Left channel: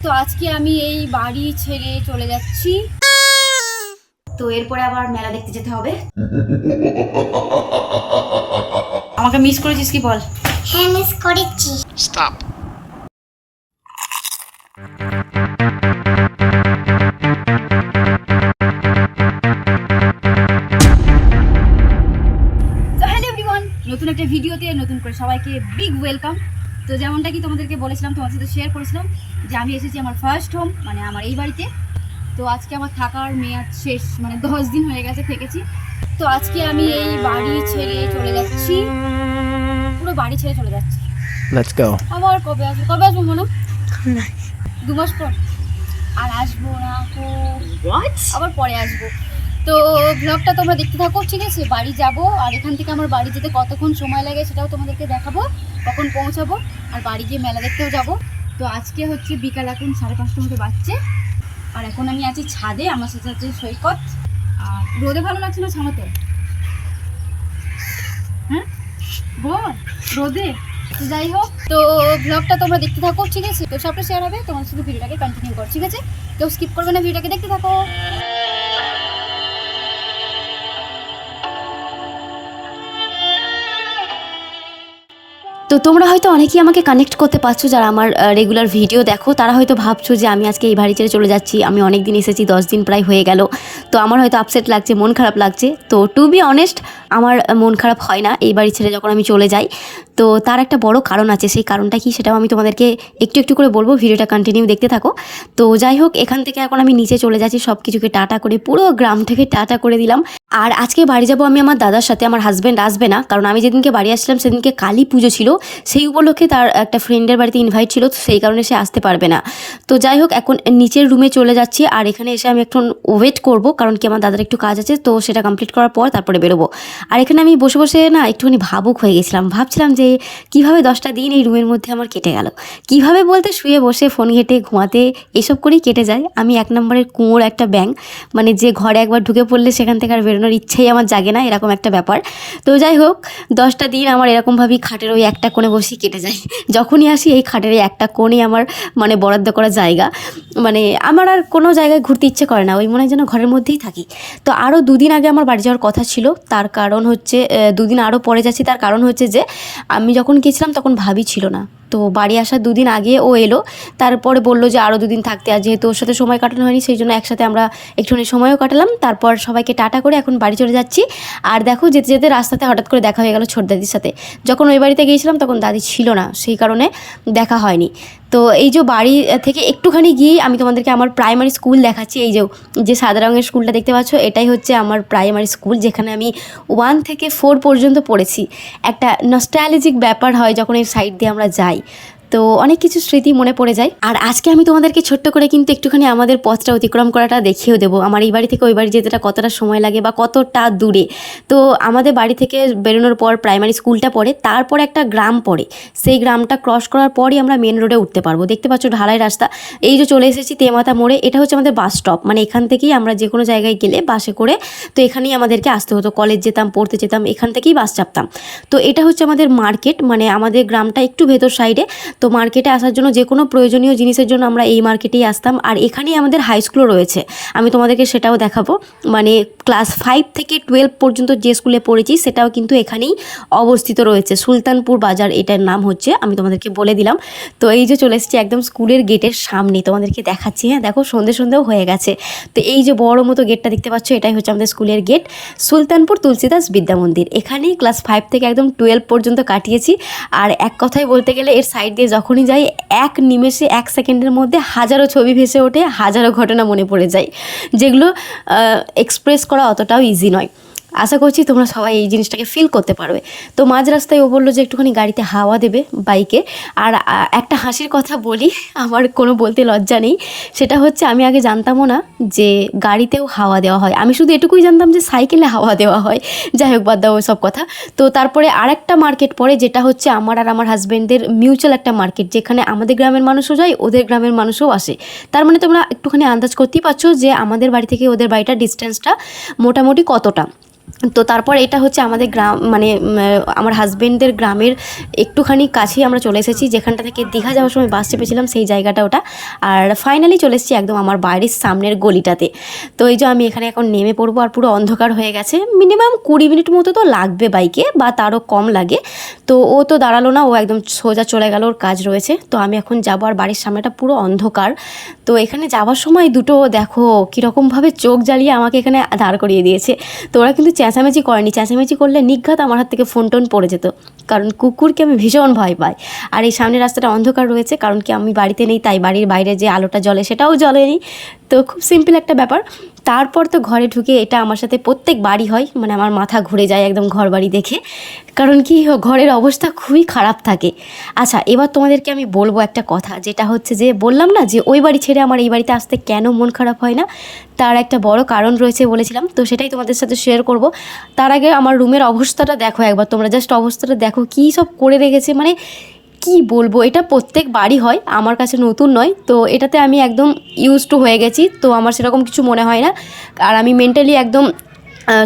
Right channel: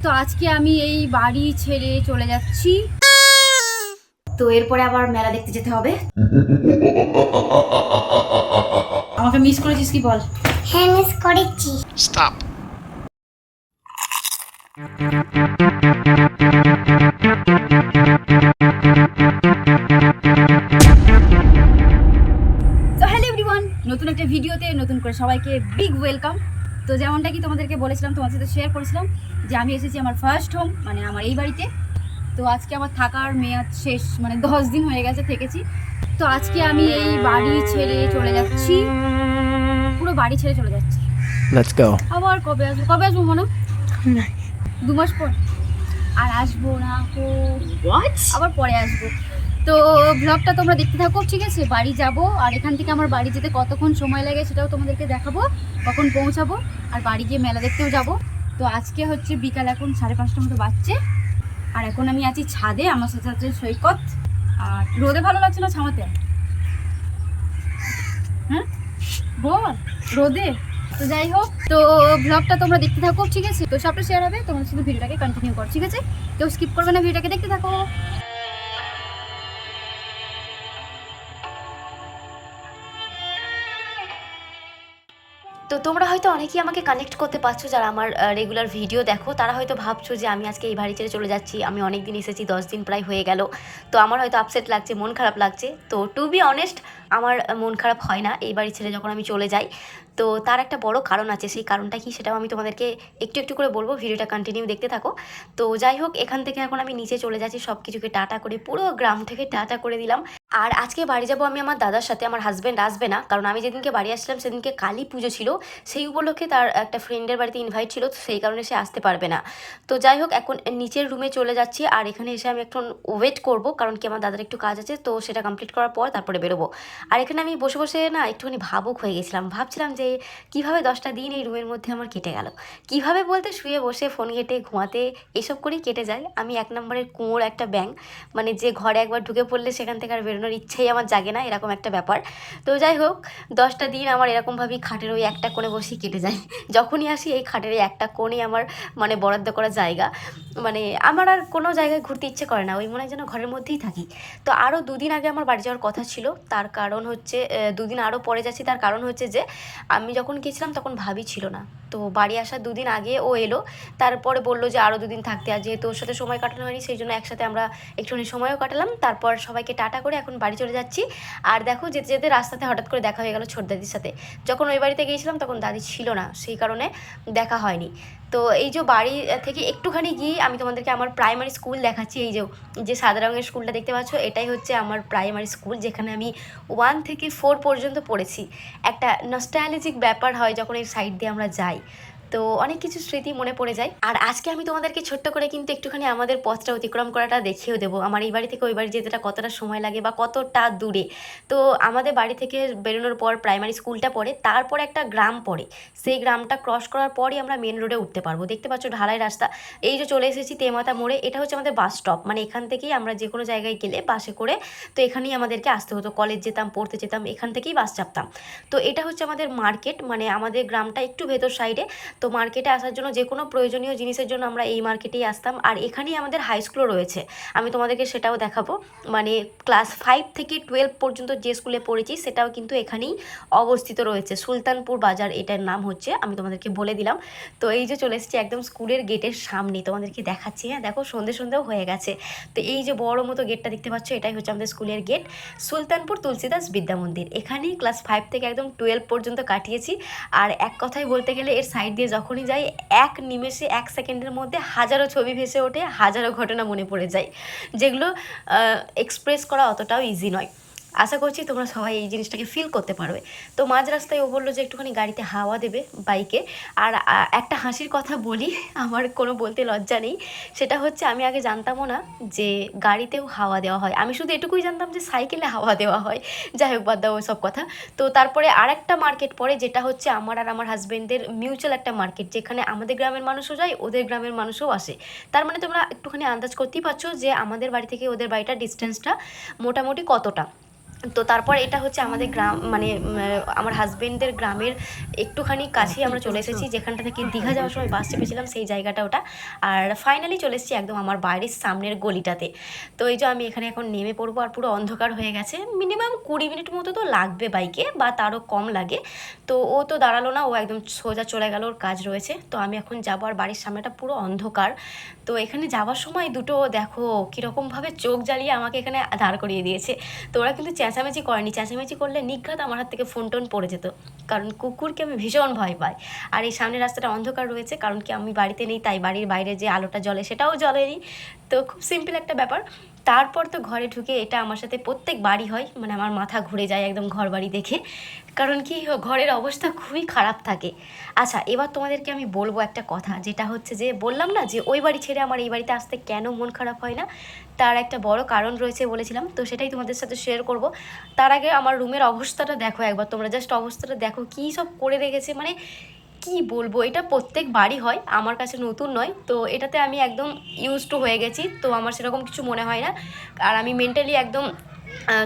তো আজকে আমি এই বাড়ি ছেড়ে চলে যাচ্ছি। তো এরপরে আবার মেলা দেখতে যেতে হবে। আমাকে মিস করেছিস কি বল? হ্যাঁ মিস করেছি। Stop. তো হ্যালো এভরিওয়ান নতুন একটা ভিডিওতে নতুন করে সবাইকে বিগ ওয়েলকাম তো যেমনটা কি তোমাদেরকে বলেছিলাম তোমাদের সাথে শেয়ার করেছিলাম যে আমি এসেছি আমার ফার্স্ট হোম মানে আমার এই বাড়িতে। তো আজকে আমার থাকার মেয়াদ শেষ মানে দশ দিন হয়ে গেছে থেকেছি। তো আজকে আমি এই বাড়ি ছেড়ে চলে যাচ্ছি। পুরো বাড়ি ছেড়ে চলে যাচ্ছি। Let's go. আবার কবে আসব? কবে আসব মনে দু মাস পর। আর আসব না তো আবার পরে আসব। তো ব্লগটা তোমরা দেখতে থাকো, ঠিক আছে? বাড়ি যাব, আর এখান থেকে আমার বাড়ি যেতে কতক্ষণ সময় লাগে সেটাও তোমাদেরকে দেখাবো, কখন পৌঁছাবো, আর বাড়ি গিয়ে মেলা দেখতেও যাব। তো আজকে হচ্ছে বিকাল এখন সাড়ে পাঁচটার মতো বাজছে, আর এখন আমি আছি ছাদে, আমার সাথে আছে সৈকত। আর রোদে ভালো লাগছে না ছামাতে? হ্যাঁ? বল, রোদে? তো যাই হোক, তো ব্লগটা তোমরা দেখতে থাকো, ঠিক আছে? তো সবটা শেয়ার হবে, তোমার শুধু ভিডিওটাকে কন্টিনিউ কর, ঠিক আছে? কেউ স্কিপ করবে না, ভিডিওটাকে দেখতে থাকো। তো তোমরা হয়তো অনেকেই আমাকে কানেক্ট করতে পারছ যারা আমার রেগুলার ভিডিও দেখো। তারা হয়তো ভাবছ যে আমি আজকে এই বাড়ি ছেড়ে চলে যাচ্ছি, আমি অনেক দিন এসেছি, দশ দিন প্রায় হয়ে গেল। তো আমার হয়তো আপসেট লাগছে, মন খারাপ লাগছে। তো টু বি অনেস্ট আমার মন খারাপ হয় না, এই বাড়ি ছেড়ে যখন আমি চলে যাই। তো তার একটা বড় কারণ আছে, সেই কারণটা কি সেটাও আমি তোমাদেরকে একটু একটু করে বলব, ভিডিওটা কন্টিনিউ দেখতে থাকো। তো যাই হোক, এখান থেকে এখন আমি নিচে চলে যাচ্ছি সব কিছুকে টাটা করে, পুরো গ্রাম থেকে টাটা করে দিলাম। আর আজকে বাড়ি যাব আমি আমার দাদার সাথে, আমার হাজব্যান্ড আসবে না, কারণ আমি যেদিনকে বাড়ি আসলাম সেদিনকে কালী পুজো ছিল। সেই উপলক্ষে তার একটা ফ্রেন্ডের বাড়িতে ইনভাইট ছিল সেই কারণে সে আসতে পারবে না। তো যাই হোক, এখন নিচের রুমে চলে যাচ্ছি, আর এখানে এসে আমি এখন ওয়েট করব, কারণ কি আমার দাদার একটু কাজ আছে, তো সেটা কমপ্লিট করার পর তারপরে বেরোবো। আর এখানে আমি বসে বসে না একটুখানি ভাবুক হয়ে গেছিলাম, ভাবছিলাম যে কীভাবে দশটা দিন এই রুমের মধ্যে আমার কেটে গেল? কীভাবে বলতে শুয়ে বসে ফোন ঘেটে ঘুমাতে এসব করেই কেটে যায়? আমি এক নম্বরের কুঁয়োর একটা ব্যাং মানে যে ঘরে একবার ঢুকে পড়লে সেখান থেকে আর বেরোনোর ইচ্ছেই আমার জাগে না, এরকম একটা ব্যাপার। তো যাই হোক, দশটা দিন আমার এরকমভাবেই খাটের ওই একটা কোণে বসেই কেটে যায়। যখনই আসি, এই খাটের এই একটা কোণে আমার মানে বরাদ্দ করা জায়গা মানে আমার আর কোনো জায়গায় ঘুরতে ইচ্ছে করে না, ওই মনে হয় যেন ঘরের মধ্যেই থাকি। তো আরও দুদিন আগে আমার বাড়ি যাওয়ার কথা ছিল, তার কারণ হচ্ছে দুদিন আরও পরে যাচ্ছি, তার কারণ হচ্ছে যে আমি যখন গিয়েছিলাম তখন ভাবি ছিল না। তো বাড়ি আসার দুদিন আগে ও এলো। তারপরে বলল যে আরও দুদিন থাকতে। আর যেহেতু ওর সাথে সময় কাটানো হয়নি, সেই জন্য একসাথে আমরা একটুখানি সময়ও কাটালাম। তারপর সবাইকে টাটা করে এখন বাড়ি চলে যাচ্ছি। আর দেখো, যেতে যেতে রাস্তাতে হঠাৎ করে দেখা হয়ে গেল ছোট দাদির সাথে। যখন ওই বাড়িতে গিয়েছিলাম, তখন দাদি ছিল না, সেই কারণে দেখা হয়নি। তো এই যে বাড়ি থেকে একটুখানি গিয়ে আমি তোমাদেরকে আমার প্রাইমারি স্কুল দেখাচ্ছি। এই যে যে সাদা রঙের স্কুলটা দেখতে পাচ্ছ, এটাই হচ্ছে আমার প্রাইমারি স্কুল যেখানে আমি ওয়ান থেকে ফোর পর্যন্ত পড়েছি। একটা নস্টালজিক ব্যাপার হয় যখন এই সাইড দিয়ে আমরা যাই। নাই তো অনেক কিছু স্মৃতি মনে পড়ে যায়। আর আজকে আমি তোমাদেরকে ছোট্ট করে কিন্তু একটুখানি আমাদের পথটা অতিক্রম করাটা দেখিয়েও দেবো। আমার এই বাড়ি থেকে ওই বাড়ি যেতেটা কতটা সময় লাগে বা কতটা দূরে। তো আমাদের বাড়ি থেকে বেরোনোর পর প্রাইমারি স্কুলটা পড়ে, তারপর একটা গ্রাম পড়ে। সেই গ্রামটা ক্রস করার পরই আমরা মেন রোডে উঠতে পারব। দেখতে পাচ্ছ ঢালাই রাস্তা। এই যে চলে এসেছি তেমাতা মোড়ে, এটা হচ্ছে আমাদের বাস স্টপ মানে এখান থেকেই আমরা যে কোনো জায়গায় গেলে বাসে করে তো এখানেই আমাদেরকে আসতে হতো। কলেজ যেতাম, পড়তে যেতাম, এখান থেকেই বাস চাপতাম। তো এটা হচ্ছে আমাদের মার্কেট মানে আমাদের গ্রামটা একটু ভেতর সাইডে তো মার্কেটে আসার জন্য যে কোনো প্রয়োজনীয় জিনিসের জন্য আমরা এই মার্কেটেই আসতাম। আর এখানেই আমাদের হাই স্কুলও রয়েছে। আমি তোমাদেরকে সেটাও দেখাবো। মানে ক্লাস ফাইভ থেকে টুয়েলভ পর্যন্ত যে স্কুলে পড়েছি, সেটাও কিন্তু এখানেই অবস্থিত রয়েছে। সুলতানপুর বাজার এটার নাম হচ্ছে, আমি তোমাদেরকে বলে দিলাম। তো এই যে চলে এসেছি একদম স্কুলের গেটের সামনে, তোমাদেরকে দেখাচ্ছি। হ্যাঁ দেখো সন্ধে সন্ধেও হয়ে গেছে। তো এই যে বড় মতো গেটটা দেখতে পাচ্ছ, এটাই হচ্ছে আমাদের স্কুলের গেট সুলতানপুর তুলসীদাস বিদ্যা মন্দির। এখানেই ক্লাস ফাইভ থেকে একদম টুয়েলভ পর্যন্ত কাটিয়েছি। আর এক কথায় বলতে গেলে এর সাইড দিয়ে যখনই যাই, এক নিমেষে, এক সেকেন্ডের মধ্যে হাজারো ছবি ভেসে ওঠে, হাজারো ঘটনা মনে পড়ে যায়। যেগুলো এক্সপ্রেস করা অতটাও ইজি নয়। আশা করছি তোমরা সবাই এই জিনিসটাকে ফিল করতে পারবে। তো মাঝ রাস্তায় ও বলল যে একটুখানি গাড়িতে হাওয়া দেবে বাইকে আর একটা হাসির কথা বলি, আমার কোনো বলতে লজ্জা নেই। সেটা হচ্ছে আমি আগে জানতামও না যে গাড়িতেও হাওয়া দেওয়া হয়। আমি শুধু এটুকুই জানতাম যে সাইকেলে হাওয়া দেওয়া হয়। যাই হোক, বাদ দাও সব কথা। তো তারপরে আরেকটা মার্কেট পড়ে, যেটা হচ্ছে আমার আর আমার হাজব্যান্ডের মিউচুয়াল একটা মার্কেট যেখানে আমাদের গ্রামের মানুষও যায়, ওদের গ্রামের মানুষও আসে। তার মানে তোমরা একটুখানি আন্দাজ করতেই পারছ যে আমাদের বাড়ি থেকে ওদের বাড়িটার ডিস্টেন্সটা মোটামুটি কতটা। তো তারপর এটা হচ্ছে আমাদের গ্রাম মানে আমার হাজবেন্ডের গ্রামের একটুখানি কাছেই আমরা চলে এসেছি, যেখানটা থেকে দীঘা যাওয়ার সময় বাস চেপেছিলাম, সেই জায়গাটা ওটা। আর ফাইনালি চলে এসেছি একদম আমার বাড়ির সামনের গলিটাতে। তো এই যে আমি এখানে এখন নেমে পড়ব আর পুরো অন্ধকার হয়ে গেছে। মিনিমাম কুড়ি মিনিট মতো তো লাগবে বাইকে বা তারও কম লাগে। তো ও তো দাঁড়াল না, ও একদম সোজা চলে গেল, ওর কাজ রয়েছে। তো আমি এখন যাব আর বাড়ির সামনেটা পুরো অন্ধকার। তো এখানে যাওয়ার সময় দুটো, দেখো, কীরকমভাবে চোখ জ্বালিয়ে আমাকে এখানে দাঁড় করিয়ে দিয়েছে। তো ওরা কিন্তু চেঁচামেচি করেনি। চেঁচামেচি করলে নিঘাত আমার হাত থেকে ফোন টোন পড়ে যেত। কারণ কুকুরকে আমি ভীষণ ভয় পাই। আর এই সামনে রাস্তাটা অন্ধকার রয়েছে, কারণ কি আমি বাড়িতে নেই, তাই বাড়ির বাইরে যে আলোটা জ্বলে সেটাও জ্বলেনি। তো খুব সিম্পল একটা ব্যাপার। তারপর তো ঘরে ঢুকে এটা আমার সাথে প্রত্যেক বাড়ি হয় মানে আমার মাথা ঘুরে যায় একদম ঘর বাড়ি দেখে। কারণ কি, ঘরের অবস্থা খুবই খারাপ থাকে। আচ্ছা এবার তোমাদেরকে আমি বলব একটা কথা, যেটা হচ্ছে যে বললাম না যে ওই বাড়ি ছেড়ে আমার এই বাড়িতে আসতে কেন মন খারাপ হয় না? তার একটা বড় কারণ রয়েছে বলেছিলাম, তো সেটাই তোমাদের সাথে শেয়ার করব। তার আগে আমার রুমের অবস্থাটা দেখো একবার, তোমরা জাস্ট অবস্থাটা দেখো, কী সব করে রেখেছে মানে কি বলব? এটা প্রত্যেক বাড়ি হয় আমার কাছে নতুন নয়। তো এটাতে আমি একদম ইউজ টু হয়ে গেছি। তো আমার সেরকম কিছু মনে হয় না। আর আমি মেন্টালি একদম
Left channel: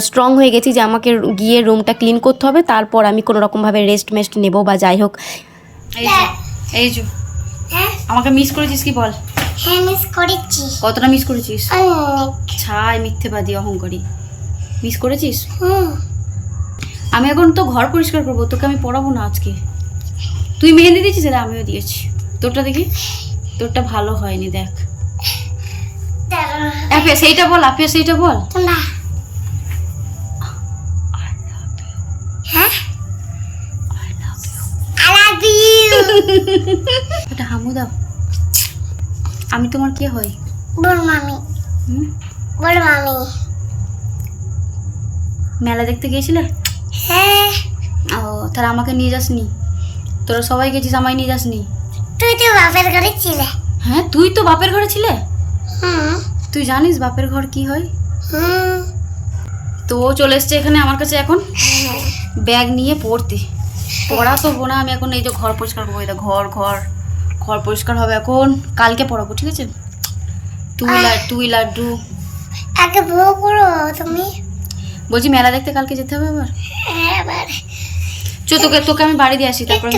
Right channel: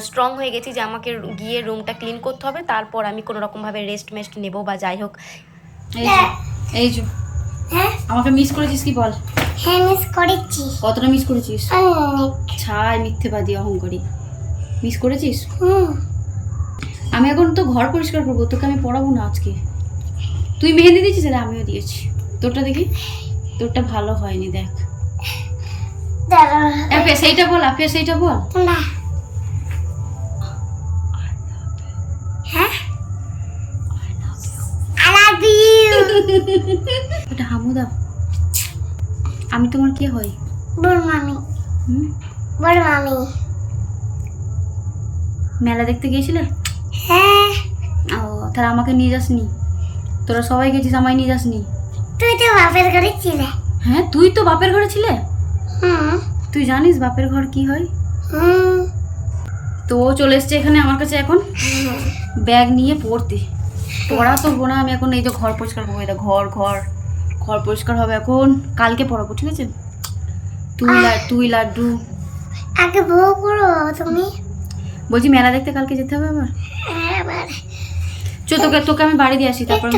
স্ট্রং হয়ে গেছি যে আমাকে গিয়ে রুমটা ক্লিন করতে হবে। তারপর আমি কোনো রকমভাবে রেস্ট মেস্ট নেব বা যাই হোক। এই যে এই যে। হ্যাঁ? আমাকে মিস করেছিস কি বল? হ্যাঁ মিস করেছি। কতটা মিস করেছিস? ছাই মিথ্যেবাদী অহংকারী। মিস করেছিস? আমি এখন তো ঘর পরিষ্কার করব তোকে আমি পড়াবো না আজকে। তুই মেহেন্দি দিয়েছিস? এটা আমিও দিয়েছি। তোরটা দেখি। তোরটা ভালো হয়নি দেখ। অ্যাপে সেইটা বল আপে সেইটা বল। না। হ্যাঁ? এটা হামু দাও। আমি তোমার কে হই? বল মামি। হুম? বল মামি। মেলা দেখতে গিয়েছিলে? হ্যাঁ। ও তাহলে আমাকে নিয়ে যাসনি? তোরা সবাই গেছিস আমায় নিয়ে যাসনি? তুই তো বাপের ঘরে ছিলে। হ্যাঁ তুই তো বাপের ঘরে ছিলে? তুই জানিস বাপের ঘর কি হয়? তো ও চলে এসছে এখানে আমার কাছে এখন। ব্যাগ নিয়ে পড়তে। পড়া তো বোনা আমি এখন এই যে ঘর পরিষ্কার করব এটা ঘর ঘর ঘর পরিষ্কার হবে এখন। কালকে পড়াবো ঠিক আছে? তুই লা তুই লাড্ডু। আগে বউ করো তুমি। বলছি মেলা দেখতে কালকে যেতে হবে আবার? হ্যাঁ, চ তোকে তোকে আমি বাড়ি দিয়ে আসি তারপর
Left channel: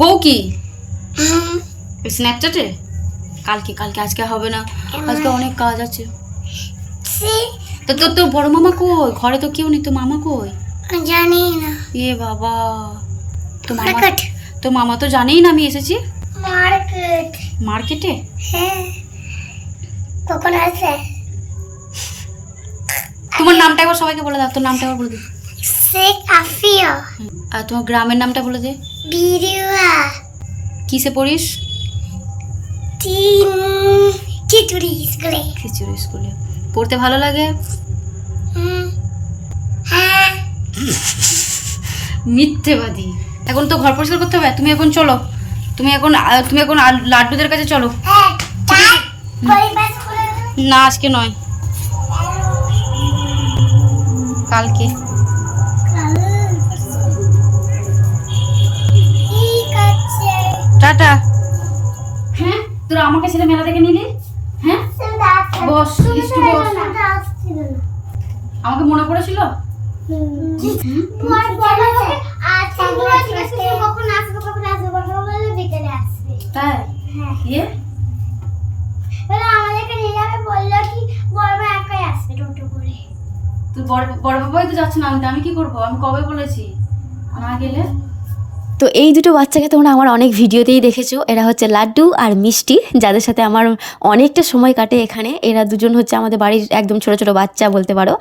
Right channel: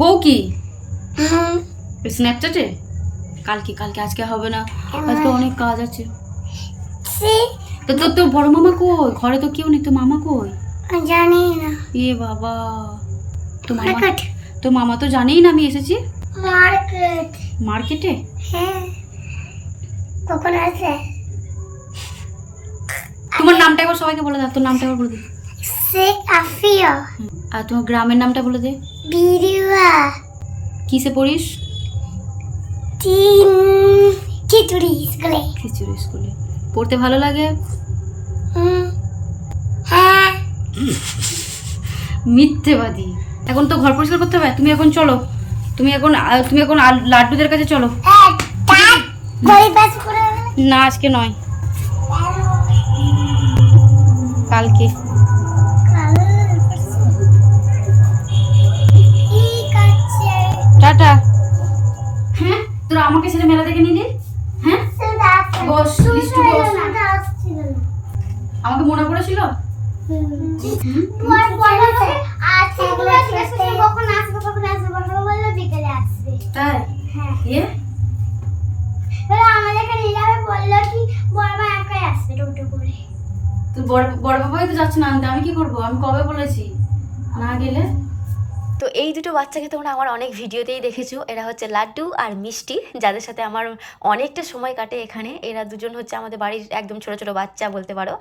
বউ কি? স্ন্যাপচ্যাটে কালকে কালকে আজকে হবে না। আজকে অনেক কাজ আছে। তো তোর তো বড় মামা কই? ঘরে তো কেউ নেই তো মামা কই? জানি না। এ বাবা। তো মামা তো মামা তো জানেই না আমি এসেছি। মার্কেট। মার্কেটে? হ্যাঁ। কখন আছে? তোমার নামটা একবার সবাইকে বলে দাও তোর নামটা একবার বলে দে শেখ আফিয়া আর তোমার গ্রামের নামটা বলে দে। বিরিয়া। কিসে পড়িস? তিন খিচুড়ি স্কুলে। খিচুড়ি স্কুলে। পড়তে ভালো লাগে? হ্যাঁ। মিথ্যেবাদী। এখন তো ঘর পরিষ্কার করতে হবে? তুমি এখন চলো। তুমি এখন তুমি এখন লাড্ডুদের কাছে চলো। হ্যাঁ না আজকে নয়। কালকে। টাটা। হ্যাঁ তোরা আমাকে ছেড়ে মেলা দেখে নিলি? হ্যাঁ? বস, লিস্টু বস। আমাকে মনে পড়েছিল? আসবে তাই? হ্যাঁ। বলে আমাদেরকে নিয়ে যাবে বলল কি বড় একাই আসবে টোটো করে। তোর বড় বড় বাবাই তো যাচ্ছে না আনতে আমি কি করব? আমি কবে বলেছি? না গেলে? তো এই দুটো বাচ্চাকে তোমরা আমার অনেক ভিডিওতেই দেখেছ। এরা হচ্ছে লাড্ডু আর মিষ্টি, যাদের সাথে আমার অনেকটা সময় কাটে এখানে। এরা দুজন হচ্ছে আমাদের বাড়ির একদম ছোট ছোট বাচ্চা বলতে পারো।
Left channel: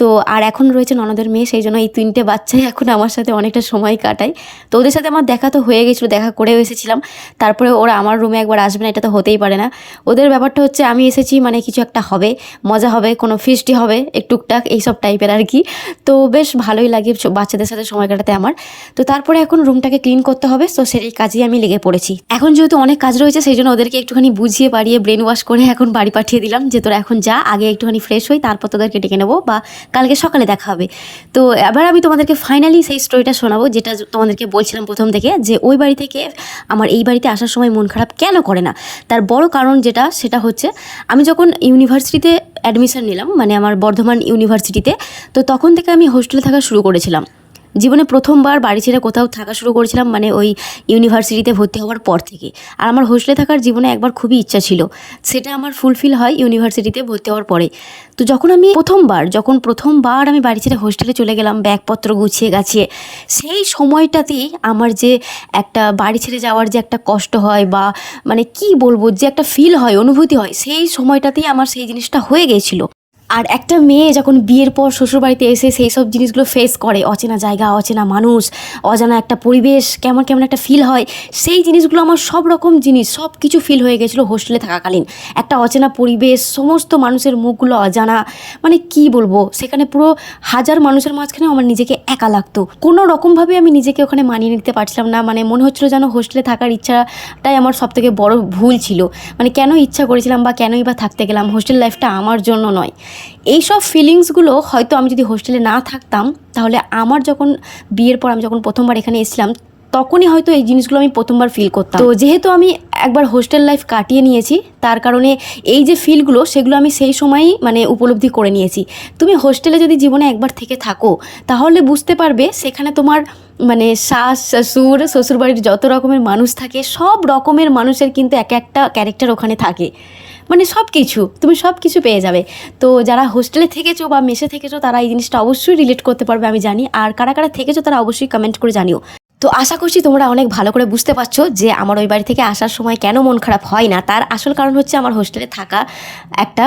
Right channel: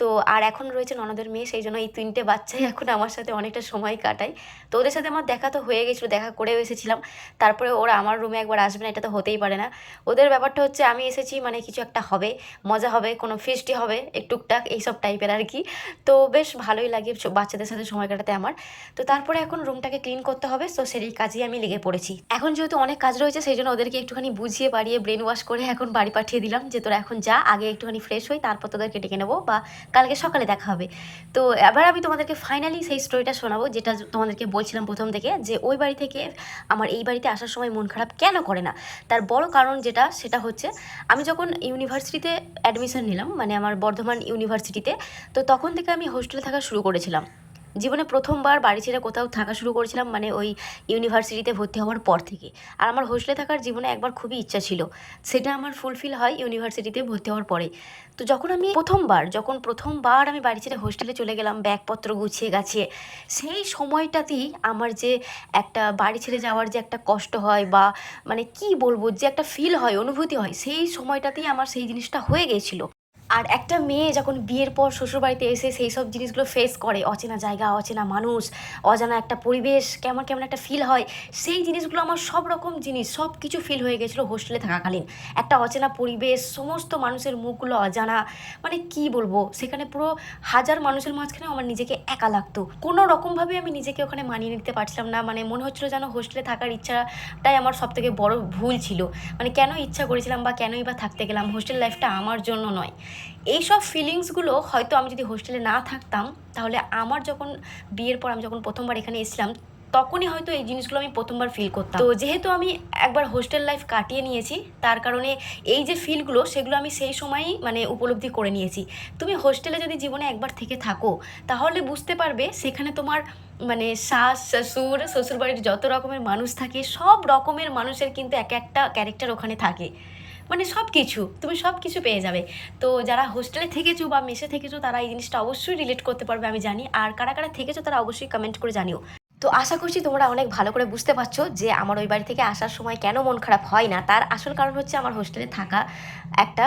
তো আর এখন রয়েছে ননদের মেয়ে, সেই জন্য এই তিনটে বাচ্চাই এখন আমার সাথে অনেকটা সময় কাটায়। তো ওদের সাথে আমার দেখা তো হয়ে গেছিল, দেখা করেও এসেছিলাম। তারপরে ওরা আমার রুমে একবার আসবে না, এটা তো হতেই পারে না। ওদের ব্যাপারটা হচ্ছে আমি এসেছি মানে কিছু একটা হবে, মজা হবে, কোনো ফিস্টি হবে টুকটাক এইসব টাইপের আর কি। তো বেশ ভালোই লাগে বাচ্চাদের সাথে সময় কাটাতে আমার। তো তারপরে এখন রুমটাকে ক্লিন করতে হবে, তো সেই কাজেই আমি লেগে পড়েছি। এখন যেহেতু অনেক কাজ রয়েছে, সেই জন্য ওদেরকে একটুখানি বুঝিয়ে বাড়িয়ে ব্রেন ওয়াশ করে এখন বাড়ি পাঠিয়ে দিলাম যে তোরা এখন যা, আগে একটুখানি ফ্রেশ হই, তারপর তোদেরকে ডেকে নেব বা কালকে সকালে দেখা হবে। তো এবার আমি তোমাদেরকে ফাইনালি সেই স্টোরিটা শোনাবো, যেটা তোমাদেরকে বলছিলাম প্রথম থেকে, যে ওই বাড়ি থেকে আমার এই বাড়িতে আসার সময় মন খারাপ কেন করে না? তার বড় কারণ যেটা, সেটা হচ্ছে আমি যখন ইউনিভার্সিটিতে অ্যাডমিশন নিলাম মানে আমার বর্ধমান ইউনিভার্সিটিতে তো তখন থেকে আমি হোস্টেলে থাকা শুরু করেছিলাম। জীবনে প্রথমবার বাড়ি ছেড়ে কোথাও থাকা শুরু করেছিলাম মানে ওই ইউনিভার্সিটিতে ভর্তি হওয়ার পর থেকে। আর আমার হোস্টেলে থাকার জীবনে একবার খুবই ইচ্ছা ছিল। সেটা আমার ফুলফিল হয় ইউনিভার্সিটিতে ভর্তি হওয়ার পরে। তো যখন আমি প্রথমবার, যখন প্রথমবার আমি বাড়ি ছেড়ে হোস্টেলে চলে গেলাম, ব্যাগপত্র গুছিয়ে গাছিয়ে, সেই সময়টাতেই আমার যে একটা বাড়ি ছেড়ে যাওয়ার যে একটা কষ্ট হয় বা মানে কি বলব, যে একটা ফিল হয়, অনুভূতি হয়, সেই সময়টাতেই আমার সেই জিনিসটা হয়ে গিয়েছিল আর একটা মেয়ে যখন বিয়ের পর শ্বশুরবাড়িতে এসে সেই সব জিনিসগুলো ফেস করে, অচেনা জায়গা, অচেনা মানুষ, অজানা একটা পরিবেশ, কেমন কেমন একটা ফিল হয়, সেই জিনিসগুলো আমার সব রকম জিনিস, সব কিছু ফিল হয়ে গেছিল হোস্টেলে থাকাকালীন। একটা অচেনা পরিবেশ, সমস্ত মানুষের মুখগুলো অজানা মানে কি বলব, সেখানে পুরো হাজার মানুষের মাঝখানে আমার নিজেকে একা লাগতো। কোনো রকমভাবে আমি নিজেকে ওখানে মানিয়ে নিতে পারছিলাম না মানে মনে হচ্ছিল যেন হোস্টেলে থাকার ইচ্ছাটাই আমার সব থেকে বড় ভুল ছিল। মানে কেন ইচ্ছা করেছিলাম বা কেনই বা থাকতে গেলাম হোস্টেল লাইফটা আমার জন্য নয়। এই সব ফিলিংসগুলো হয়তো আমি যদি হোস্টেলে না থাকতাম, তাহলে আমার যখন বিয়ের পর আমি যখন প্রথমবার এখানে এসেছিলাম, তখনই হয়তো এই জিনিসগুলো আমি প্রথমবার ফিল করতাম। তো যেহেতু আমি একবার হোস্টেল লাইফ কাটিয়ে নিয়েছি, তার কারণে এই যে ফিলগুলো সেগুলো আমি সেই সময়ই মানে উপলব্ধি করে নিয়েছি। তুমি হোস্টেলে যদি জীবনে একবার থেকে থাকো, তাহলে বুঝতে পারবে সেখানে তোমার মানে শাশ শ্বশুর, শ্বশুরবাড়ির যত রকমের মানুষ থাকে, সব রকমের মানুষের কিন্তু এক একটা ক্যারেক্টার ওখানে থাকে। মানে সব কিছু তুমি সব কিছু পেয়ে যাবে। তো যারা হোস্টেলে থেকেছো বা মেসে থেকেছো, তারা এই জিনিসটা অবশ্যই রিলেট করতে পারবে, আমি জানি। আর কারা কারা থেকেছো, তারা অবশ্যই কমেন্ট করে জানিও। তো আশা করছি তোমরা অনেক ভালো করে বুঝতে পারছ যে আমার ওই বাড়ি থেকে আসার সময় কেন মন খারাপ হয় না। তার আসল কারণ হচ্ছে আমার হোস্টেলে থাকা একটা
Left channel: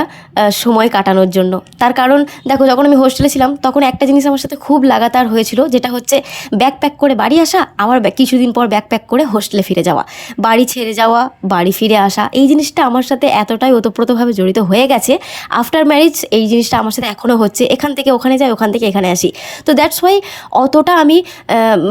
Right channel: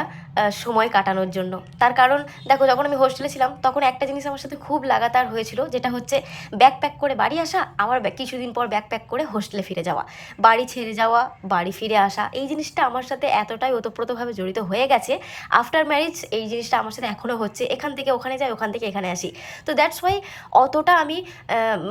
সময় কাটানোর জন্য। তার কারণ, দেখো যখন আমি হোস্টেলে ছিলাম, তখন একটা জিনিস আমার সাথে খুব লাগাতার হয়েছিল, যেটা হচ্ছে ব্যাগ প্যাক করে বাড়ি আসা, আবার কিছুদিন পর ব্যাগ প্যাক করে হোস্টেলে ফিরে যাওয়া। বাড়ি ছেড়ে যাওয়া, বাড়ি ফিরে আসা, এই জিনিসটা আমার সাথে এতটাই ওতপ্রোতভাবে জড়িত হয়ে গেছে। আফটার ম্যারেজ এই জিনিসটা আমার সাথে এখনও হচ্ছে। এখান থেকে ওখানে যাই, ওখান থেকে এখানে আসি। তো দ্যাটস ওয়াই অতটা আমি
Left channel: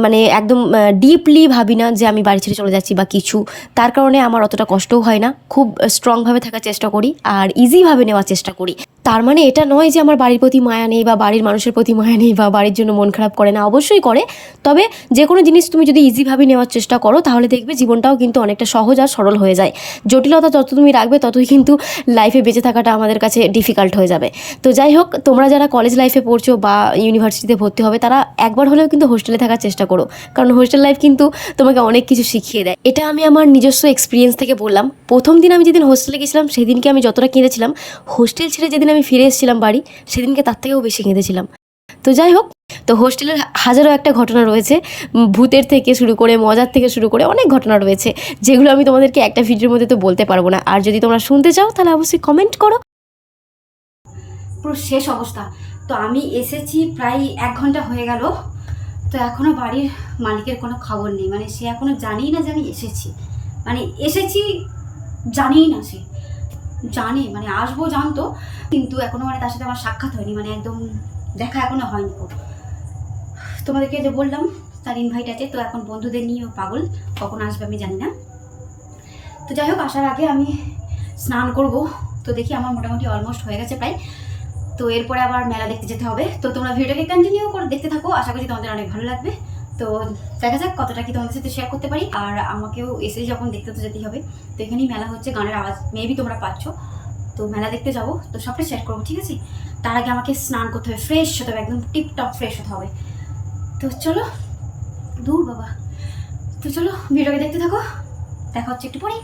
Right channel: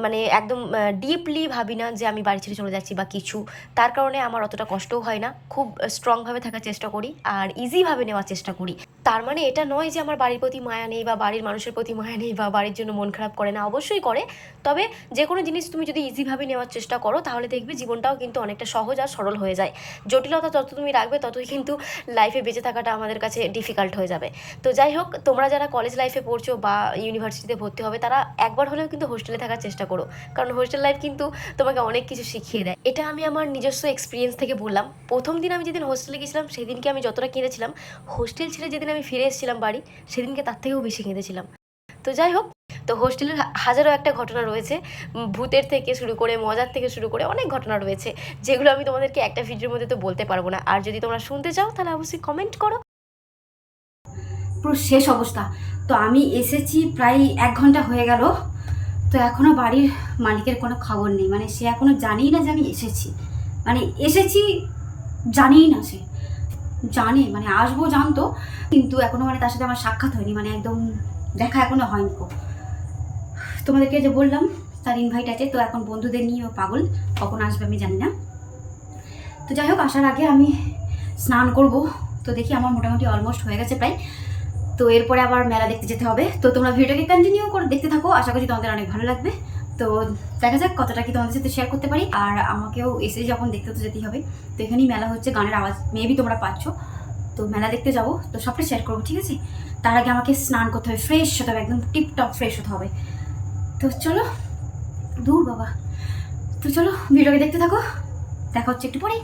মানে একদম ডিপলি ভাবি না যে আমি বাড়ি ছেড়ে চলে যাচ্ছি বা কিছু। তার কারণে আমার অতটা কষ্টও হয় না। খুব স্ট্রংভাবে থাকার চেষ্টা করি আর ইজিভাবে নেওয়ার চেষ্টা করি। তার মানে এটা নয় যে আমার বাড়ির প্রতি মায়া নেই বা বাড়ির মানুষের প্রতি মায়া নেই বা বাড়ির জন্য মন খারাপ করে না, অবশ্যই করে। তবে যে কোনো জিনিস তুমি যদি ইজিভাবে নেওয়ার চেষ্টা করো, তাহলে দেখবে জীবনটাও কিন্তু অনেকটা সহজ আর সরল হয়ে যায়। জটিলতা যত তুমি রাখবে, ততই কিন্তু লাইফে বেঁচে থাকাটা আমাদের কাছে ডিফিকাল্ট হয়ে যাবে। তো যাই হোক, তোমরা যারা কলেজ লাইফে পড়ছো বা ইউনিভার্সিটিতে ভর্তি হবে, তারা একবার হলেও কিন্তু হোস্টেলে থাকার চেষ্টা করো। কারণ হোস্টেল লাইফ কিন্তু তোমাকে অনেক কিছু শিখিয়ে দেয়। এটা আমি আমার নিজস্ব এক্সপিরিয়েন্স থেকে বললাম। প্রথম দিন আমি যেদিন হোস্টেলে গেছিলাম, সেদিনকে আমি যতটা কেঁদেছিলাম হোস্টেল ছেড়ে যেদিন আমি ফিরে এসেছিলাম বাড়ি, সেদিনকে তার থেকেও বেশি কেঁদেছিলাম। তো যাই হোক, তো হোস্টেলের হাজারো একটা ঘটনা রয়েছে। ভূতের থেকে শুরু করে, মজার থেকে শুরু করে অনেক ঘটনা রয়েছে, যেগুলো আমি তোমাদেরকে একটা ভিডিওর মধ্যে তো বলতে পারব না। আর যদি তোমরা শুনতে চাও, তাহলে অবশ্যই কমেন্ট করো। পুরো শেষ অবস্থা। তো আমি এসেছি প্রায় এক ঘণ্টা হয়ে গেল। তো এখনও বাড়ির মালিকের কোনো খবর নেই। মানে সে এখনও জানেই না যে আমি এসেছি। মানে এসেছি জানেই না সে। জানে মানে আসব জানতো, কিন্তু এখনও মানে তার সাথে আমার সাক্ষাৎ হয়নি। মানে একদম দেখা এখনও হয়নি কো তোমাদেরকে যে বললাম, তার ইনভাইট আছে, তো এখন বন্ধুদের নিয়ে ও পাগল। কখন আসবে আমি জানি না। তো যাই হোক, আসার আগে আমি স্নান করব। তো দেখি আমার মোটামুটি অলমোস্ট হয়ে গেছে প্রায়। তো এরপরে আবার মেলা দেখতে যেতে হবে। তো তোমরা ভিডিওটাকে কন্টিনিউ করে দেখতে থাকো। আশা করছি তোমাদের অনেক ভালো লাগবে। তো দেখা যাক কতটা কি তোমাদের সাথে শেয়ার করতে পারি। আর আমাকেও এসে যখন দেখতে তো যেতেই হবে। তো এখানেই মেলা হচ্ছে, গানের আওয়াজ মেবি তোমরা পাচ্ছ। তো মেলা দেখতে যাব। তো সবটাই শেয়ার করব, ঠিক আছে? তার আগে আমাকে স্নান করতে হবে ফ্রেশ হতে হবে, একদম টিপটপ ফ্রেশ হতে হবে। তো চলো, দূর বাবা। তো চলো, ভিডিওকে দেখতে থাকো। দেখা হচ্ছে একটু পরেই।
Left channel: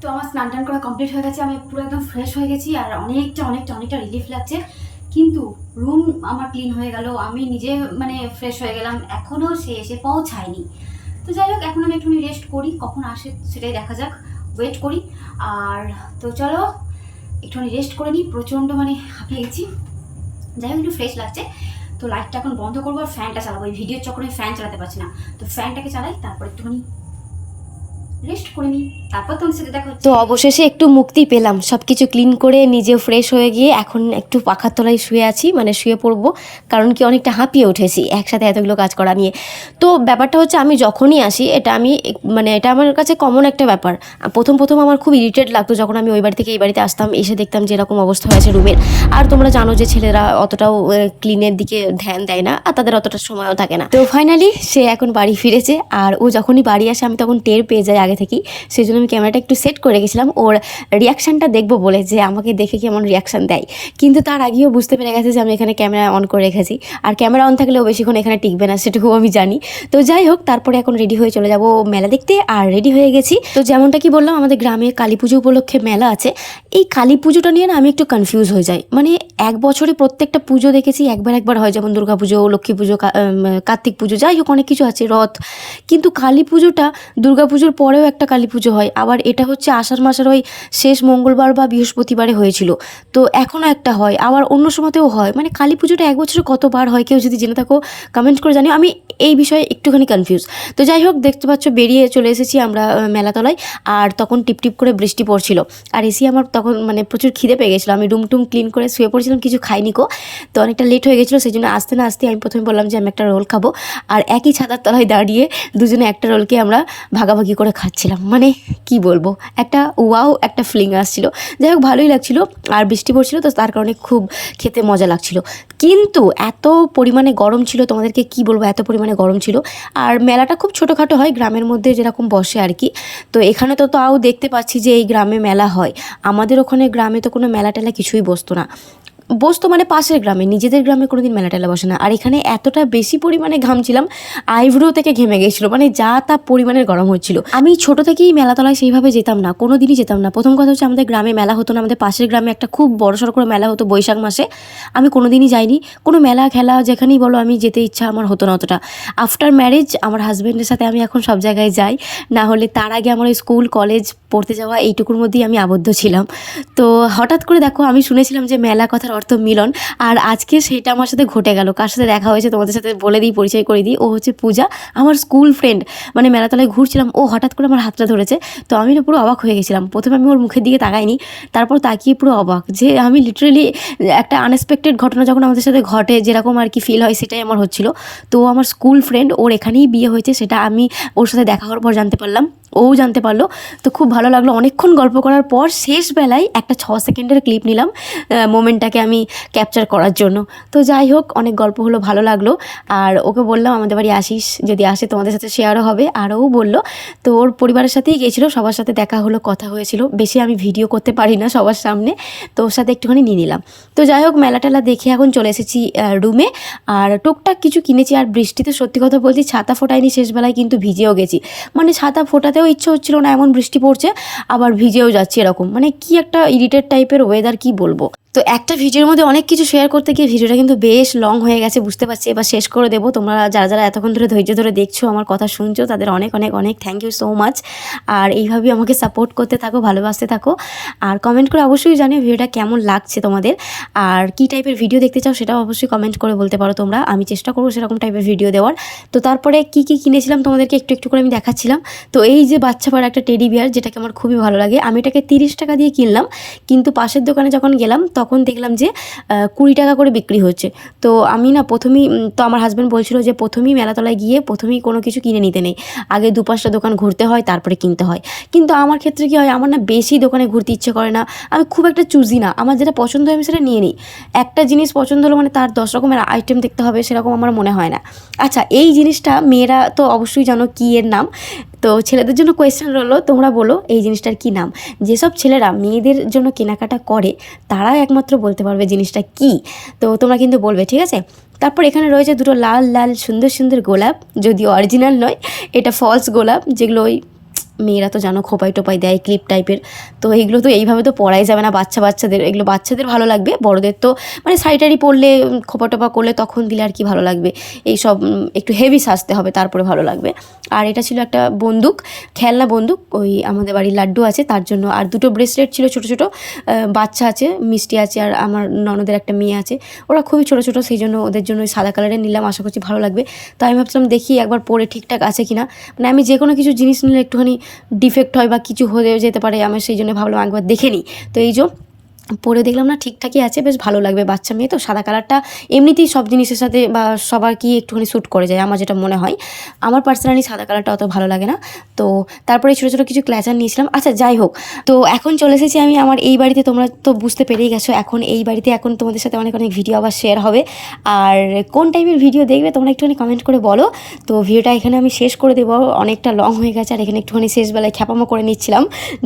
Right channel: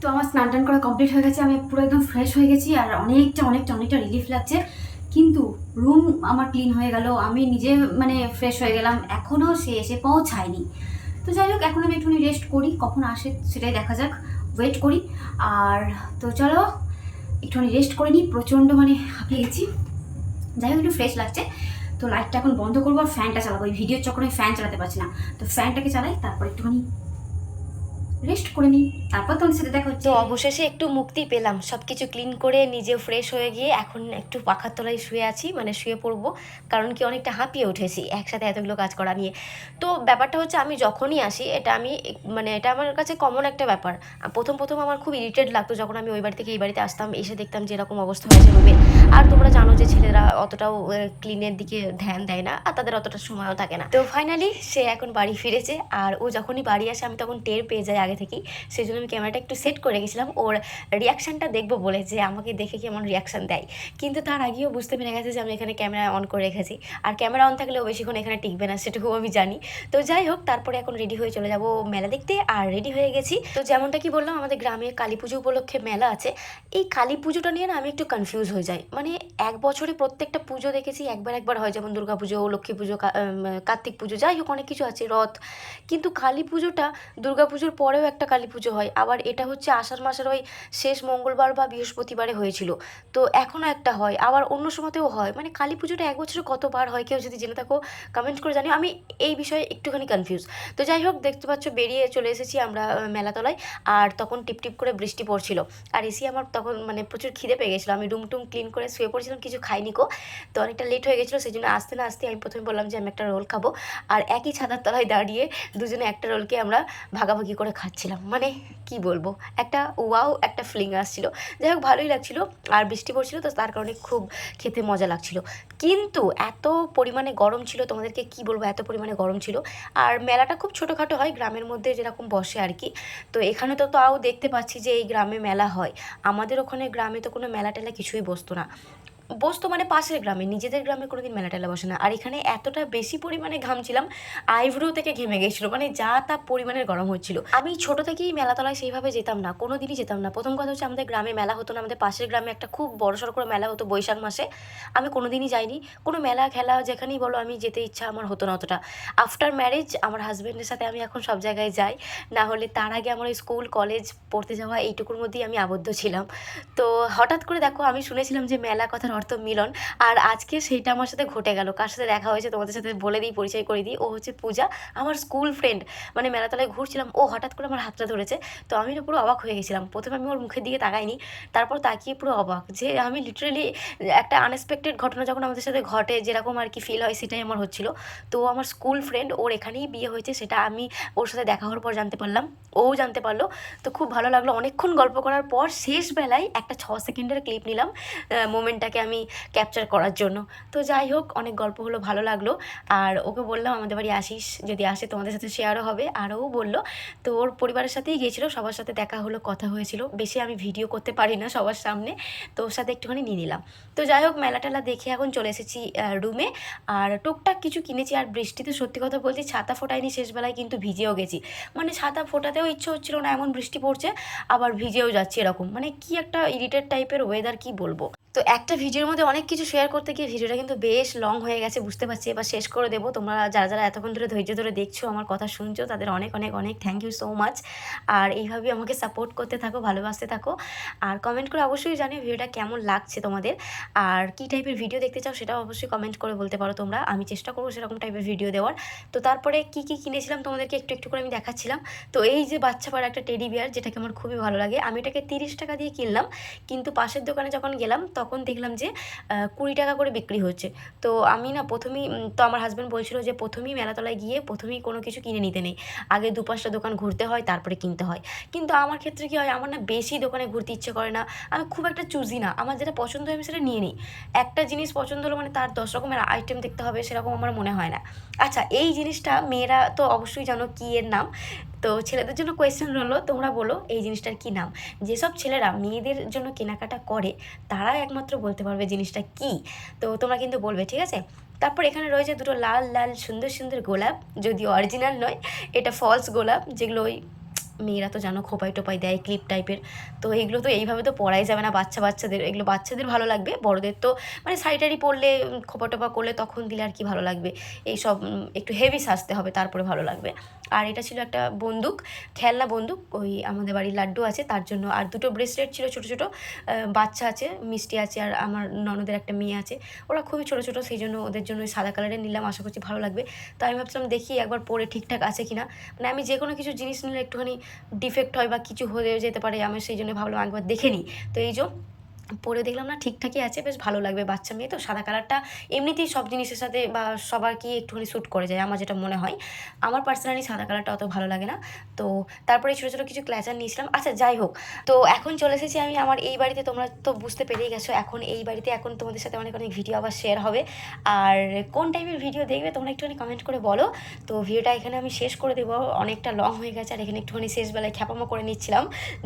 তো আমার স্নান টান করা কমপ্লিট হয়ে গেছে, আমি পুরো একদম ফ্রেশ হয়ে গেছি আর অনেকটা অনেকটা অনেকটা রিলিফ লাগছে। কিন্তু রুম আমার ক্লিন হয়ে গেল, আমি নিজে মানে ফ্রেশ হয়ে গেলাম, এখনও সে এসে পৌঁছায়নি। তো যাই হোক, এখন আমি একটুখানি রেস্ট করি, কখন আসে সেটাই দেখা যাক ওয়েট করি। আর তো চলো, একটুখানি রেস্ট করে নিই, প্রচণ্ড মানে হাঁপিয়ে গেছি যাই হোক, একটু ফ্রেশ লাগছে। তো লাইটটা এখন বন্ধ করব আর ফ্যানটা চালাবো, এই ভিডিওর চক্করে ফ্যান চালাতে পারছি না। তো ফ্যানটাকে চালাই, তারপর একটুখানি রেস্ট করে নিই তারপর তোমার সাথে দেখা তো অবশেষে একটু মুক্তি পেলাম। সব কিছু ক্লিন করে নিজে ফ্রেশ হয়ে গিয়ে এখন একটু পাখার তলায় শুয়ে আছি মানে শুয়ে পড়ব। কারণ কি অনেকটা হাঁপিয়ে উঠেছি, একসাথে এতগুলো কাজ করা নিয়ে। তো ব্যাপারটা হচ্ছে আমি যখনই আসি, এটা আমি মানে এটা আমার কাছে কমন একটা ব্যাপার। প্রথম প্রথম আমার খুব ইরিটেট লাগতো যখন আমি ওই বাড়ি থেকে এই বাড়িতে আসতাম, এসে দেখতাম যে এরকম অবস্থা হয়েছে রুমের আর তোমরা জানো যে ছেলেরা অতটাও ক্লিনের দিকে ধ্যান দেয় না, আর তাদের অতটা সময়ও থাকে না। তো ফাইনালি সে এখন বাড়ি ফিরেছে, আর ও যখনই বাড়ি আসে, আমি তখন টের পেয়ে যাই আগে থেকেই সেই জন্য আমি ক্যামেরাটা একটু সেট করে রেখেছিলাম। ওর রিয়াকশানটা দেখব বলে যে আমাকে দেখে কেমন রিয়াকশান দেয়। কিন্তু তার আগেও বুঝতে পেরে গেছে যে আমি এখানে ক্যামেরা অন করে রেখেছি। আর ক্যামেরা অন থাকলেও বেশিক্ষণ এখানে টিকবে না, সেটুকু আমি জানি। তো যাই হোক, তারপরে এখন রেডি হয়ে চলে যাব মেলা দেখতে। আর রেডি হয়ে গেছি। তো যেমনটা কি বললাম, আমাদের গ্রামে কালী পুজো উপলক্ষে মেলা আছে। এই কালী পুজোটা নিয়ে না আমি একটু কনফিউজ হয়ে যাই। মানে এক বছরে প্রত্যেকটা পুজো দেখেছি, একবার একবার হয় যেমন দুর্গা পুজো, লক্ষ্মী পুজো কার্তিক পুজো, যাই হোক অনেক কিছু আছে, রথ। কিন্তু কালী পুজোটা দুর্গা পুজোর পরেও একটা কালী পুজো হয়। আবার এটা হচ্ছে আষাঢ় মাসের ওই শেষ মঙ্গলবার বা বৃহস্পতিবারে হয়েছিল। তো এখনও একটা হয়। আবার অন্য সময়তেও হয়। মানে কালী পুজোটা এক বছরে কতবার হয় কেউ যদি জেনে থাকো কমেন্ট করে জানিও। আমি এই বিষয়ে একটুখানি কনফিউজ তো যাই হোক, দেখতে পাচ্ছ বেরিয়ে চলে এসেছি আমরা মেলাতলায়। আর তখন টিপ টিপ করে বৃষ্টি পড়ছিল। আর এসি আমার তখন মানে প্রচুর খিদে পেয়ে গেছিল। আমি রুম টুম ক্লিন করে শুয়ে পড়ছিলাম, কিছু খাইনি কো। তো অনেকটা লেট হয়ে গেছিল, সেই জন্য আসতে না আসতে আমি প্রথমে বললাম যে আমি একটা রোল খাব। আর একই ছাতার তলায় দাঁড়িয়ে দুজনে একটা রোলকে আমরা ভাগাভাগি করে খাচ্ছিলাম মানে কি বলব? একটা ওয়াও একটা ফিলিং আসছিল। যাই হোক, ভালোই লাগছিল। আর বৃষ্টি পড়ছিল তো তার কারণে খুব খেতে মজা লাগছিল। কিন্তু এত পরিমাণে গরম ছিল, তোমাদেরকে কি বলব? এত পরিমাণে গরম ছিল। আর মেলাটা খুব ছোটোখাটো হয়, গ্রামের মধ্যে যেরকম বসে আর কি। তো এখানে তো তাও দেখতে পাচ্ছি যে এই গ্রামে মেলা হয়। আমাদের ওখানে গ্রামে তো কোনো মেলা টেলা কিছুই বসতো না। বসতো মানে পাশের গ্রামে, নিজেদের গ্রামে কোনোদিন মেলা টেলা বসে না। আর এখানে এতটা বেশি পরিমাণে ঘামছিলাম, আইব্রো থেকে ঘেমে গেছিল মানে যা তা পরিমাণের গরম হচ্ছিল। আমি ছোট থেকেই মেলাতলায় সেইভাবে যেতাম না কোনো দিনই যেতাম না। প্রথম কথা হচ্ছে আমাদের গ্রামে মেলা হতো না, আমাদের পাশের গ্রামে একটা খুব বড় সড়ো করে মেলা হতো বৈশাখ মাসে। আমি কোনো দিনই যাইনি, কোনো মেলা খেলা যেখানেই বলো আমি যেতে ইচ্ছা আমার হতো না অতটা। আফটার ম্যারেজ আমার হাজব্যান্ডের সাথে আমি এখন সব জায়গায় যাই, না হলে তার আগে আমার স্কুল কলেজ পড়তে যাওয়া, এইটুকুর মধ্যেই আমি আবদ্ধ ছিলাম। তো হঠাৎ করে দেখো, আমি শুনেছিলাম যে মেলা কথার অর্থ মিলন। আর আজকে সেটা আমার সাথে ঘটে গেল। কার সাথে দেখা হয়েছে তোমাদের সাথে বলে দিই, পরিচয় করে দিই। ও হচ্ছে পূজা, আমার স্কুল ফ্রেন্ড মানে মেলাতলায় ঘুরছিলাম। ও হঠাৎ করে আমার হাতটা ধরেছে। তো আমি না পুরো অবাক হয়ে গেছিলাম। প্রথমে আমি ওর মুখের দিকে তাকাইনি। তারপর তাকিয়ে পুরো অবাক যে আমি লিটারেলি একটা আনএক্সপেক্টেড ঘটনা যখন আমাদের সাথে ঘটে, যেরকম আর কি ফিল হয়, সেটাই আমার হচ্ছিল। তো আমার স্কুল ফ্রেন্ড ওর এখানেই বিয়ে হয়েছে, সেটা আমি ওর সাথে দেখা হওয়ার পর জানতে পারলাম। ও জানতে পারল। তো খুব ভালো লাগল। অনেকক্ষণ গল্প করার পর শেষ বেলায় একটা ছ সেকেন্ডের ক্লিপ নিলাম মোমেন্টটাকে আমি ক্যাপচার করার জন্য। তো যাই হোক, অনেক গল্প হলো, ভালো লাগল। আর ওকে বললাম, আমাদের বাড়ি আসিস, যদি আসে তোমাদের সাথে শেয়ারও হবে। আর ও বলল তো ওর পরিবারের সাথেই গেছিল সবার সাথে দেখা হলো, কথা হয়েছিল। বেশি আমি ভিডিও করতে পারি না সবার সামনে। তো ওর সাথে একটুখানি নিয়ে নিলাম। তো যাই হোক মেলা টেলা দেখে এখন চলে এসেছি রুমে আর টুকটাক কিছু কিনেছি। আর বৃষ্টিতে সত্যি কথা বলছি ছাতা ফোটাইনি শেষবেলায়, কিন্তু ভিজেও গেছি। মানে ছাতা ফোটাতেও ইচ্ছে হচ্ছিল না, এমন বৃষ্টি পড়ছে, আবার ভিজেও যাচ্ছে এরকম। মানে কি একটা ইরিটেড টাইপের ওয়েদার কি বলব? তো একটা ভিডিওর মধ্যে অনেক কিছু শেয়ার করতে গিয়ে ভিডিওটা কিন্তু বেশ লং হয়ে গেছে, বুঝতে পারছি। এবার শেষ করে দেবো। তোমরা যারা যারা এতক্ষণ ধরে ধৈর্য ধরে দেখছ আমার কথা শুনছো, তাদের অনেক অনেক অনেক থ্যাংক ইউ সো মাচ আর এইভাবেই আমাকে সাপোর্ট করতে থাকো, ভালোবাসতে থাকো। আর কমেন্ট করে অবশ্যই জানিও ভিডিওটা কেমন লাগছে তোমাদের। আর কি টাইপের ভিডিও দেখতে চাও সেটাও অবশ্যই কমেন্ট করে বলতে পারো তোমরা। আমি চেষ্টা করব সেরকম টাইপের ভিডিও দেওয়ার। তো তারপরে কি কি কিনেছিলাম তোমাদেরকে একটু একটু করে আমি দেখাচ্ছিলাম। তো এই যে বাচ্চা পাড়া একটা টেডি বিয়ার যেটাকে আমার খুবই ভালো লাগে, আমি এটাকে তিরিশ টাকা দিয়ে কিনলাম। কিন্তু পাশের দোকানে যখন গেলাম, তখন দেখলাম যে কুড়ি টাকা করে বিক্রি হচ্ছে। তো আমি না প্রথমেই তো আমার হাজব্যান্ড বলছিল যে, প্রথমেই মেলাতলায় গিয়ে প্রথমেই কোনো কিছু কিনে নিতে নেই। আগে দু পাঁচটা দোকান ঘুরতে হয়, তারপরে কিনতে হয়। কিন্তু আমার ক্ষেত্রে কী হয়, আমার না বেশি দোকানে ঘুরতে ইচ্ছে করে না। আমি খুব একটা চুজি না। আমার যেটা পছন্দ হয়, আমি সেটা নিয়ে নিই। একটা জিনিস পছন্দ হলো মানে তার দশ রকমের আইটেম দেখতে হবে, সেরকম আমার মনে হয় না। আচ্ছা এই জিনিসটা মেয়েরা তো অবশ্যই জানো কী এর নাম? তো ছেলেদের জন্য কোয়েশ্চেন রইল, তোমরা বলো এই জিনিসটার কি নাম? যেসব ছেলেরা মেয়েদের জন্য কেনাকাটা করে তারা একমাত্র বলতে পারবে জিনিসটা কি? তো তোমরা কিন্তু বলবে, ঠিক আছে? তারপর এখানে রয়েছে দুটো লাল লাল, সুন্দর সুন্দর গোলাপ, যদিও অরিজিনাল নয়, এটা ফলস গোলাপ, যেগুলো ওই মেয়েরা তো জানো খোপাই টোপাই দেয়, ক্লিপ টাইপের। তো এইগুলো তো এইভাবে তো পড়াই যাবে না বাচ্চা বাচ্চাদের। এগুলো বাচ্চাদের ভালো লাগবে, বড়দের তো মানে শাড়ি পরলে খোপা টোপা করলে তখন দিলে আর কি ভালো লাগবে। এই সব একটু হেভি সাজতে হবে, তারপরে ভালো লাগবে। আর এটা ছিল একটা বন্দুক, খেলনা বন্দুক, ওই আমাদের বাড়ির লাড্ডু আছে, তার জন্য। আর দুটো ব্রেসলেট ছিল ছোটো ছোটো বাচ্চা আছে, মিষ্টি আছে, আর আমার ননদের একটা মেয়ে আছে। ওরা খুবই ছোটো ছোটো, সেই জন্য ওদের জন্য ওই সাদা কালারের নিলাম, আশা করছি ভালো লাগবে। তো আমি ভাবছিলাম দেখি একবার পরে ঠিকঠাক আছে কিনা। মানে আমি যে কোনো কিছু জিনিস নিলে একটুখানি ডিফেক্ট হয় বা কিছু হয়ে যেতে পারে, আমি সেই জন্য ভাবলাম একবার দেখে নিই। তো এই যে পরে দেখলাম না ঠিকঠাকই আছে, বেশ ভালো লাগবে বাচ্চা মেয়ে তো, সাদা কালারটা এমনিতেই সব জিনিসের সাথে বা সবার কি একটুখানি শ্যুট করে যায়, আমার যেটা মনে হয়। আমার পার্সোনালি সাদা কালারটা অত ভালো লাগে না। তো তারপরে ছোটো ছোটো কিছু ক্ল্যাচার নিয়েছিলাম। আচ্ছা যাই হোক। তো এখন চলে এসেছি আমি আমার এই বাড়িতে, তোমরা তো বুঝতে পেরেই গেছো, এখন এই বাড়িতে এখন তোমাদের সাথে অনেক অনেক ভিডিও আবার শেয়ার হবে। আর কোন টাইপের ভিডিও দেখবে তোমরা একটুখানি কমেন্ট করে বলো। তো ভিডিওটা এখানে আমি শেষ করে দেবো, অনেকটা লং হয়ে গেছে, আর এখানে একটুখানি শেষবেলায় খ্যাপামো করে নিচ্ছিলাম।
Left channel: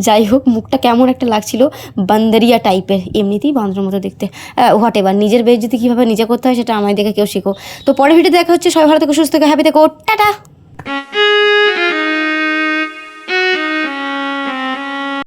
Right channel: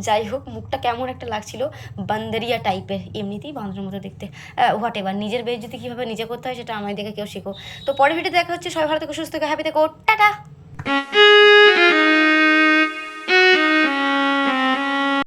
যাই হোক, মুখটা কেমন একটা লাগছিল, বান্দরিয়া টাইপের এমনিতেই বান্দরের মতো দেখতে। হোয়াট এবার নিজের বেশ যদি কীভাবে নিজে করতে হয় সেটা আমায় দেখে কেউ শেখো। তো পরের ভিডিও দেখা হচ্ছে, সবাই ভালো থেকে, সুস্থ থেকে হ্যাপি থেকো, টাটা!